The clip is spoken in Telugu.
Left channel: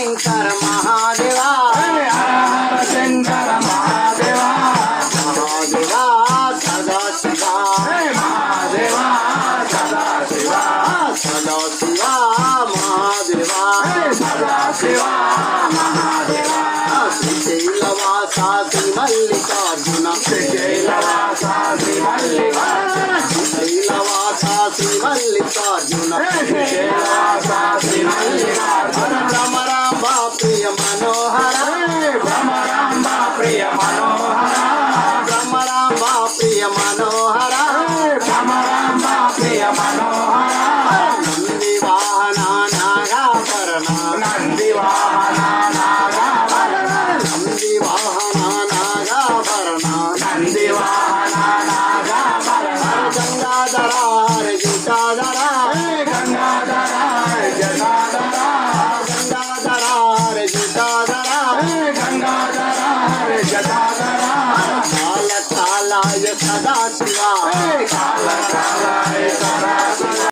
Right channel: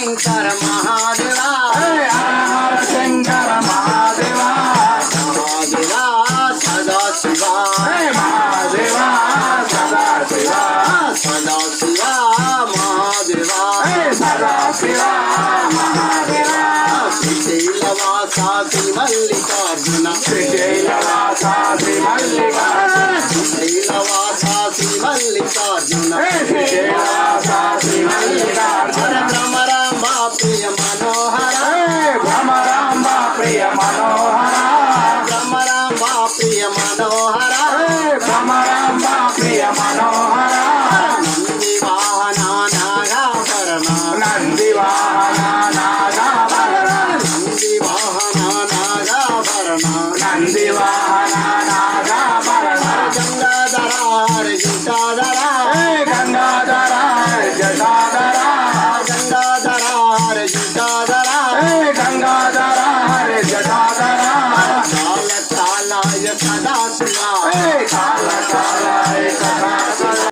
శంకర మహాదేవా హర హర శంకర మహాదేవా మహాదేవా సదా శివా మహాదేవా సదా శివా సదా శివా మహాదేవా సదా శివా మహాదేవా శ్రీశైలవాస శ్రీ మల్లికార్జున శ్రీశైలవాస శ్రీ మల్లికార్జున శ్రీశైలవాస శ్రీ మల్లికార్జున శ్రీశైలవాస శ్రీ మల్లికార్జున భ్రమరాంబ ప్రియ మనోహర భ్రమరాంబ ప్రియ మనోహర భ్రమరాంబ ప్రియ మనోహర భ్రమరాంబ ప్రియ మనోహర నంది వాహన నాగాభరణ నంది వాహన నాగాభరణ నంది వాహన నాగాభరణ నంది వాహన నాగాభరణ గంగాధర హరి గంగాధర గంగాధర జటాధర గంగాధర హరి గంగాధర గంగాధర జటాధర కాల కాలాయ సదా శివ కాల కాల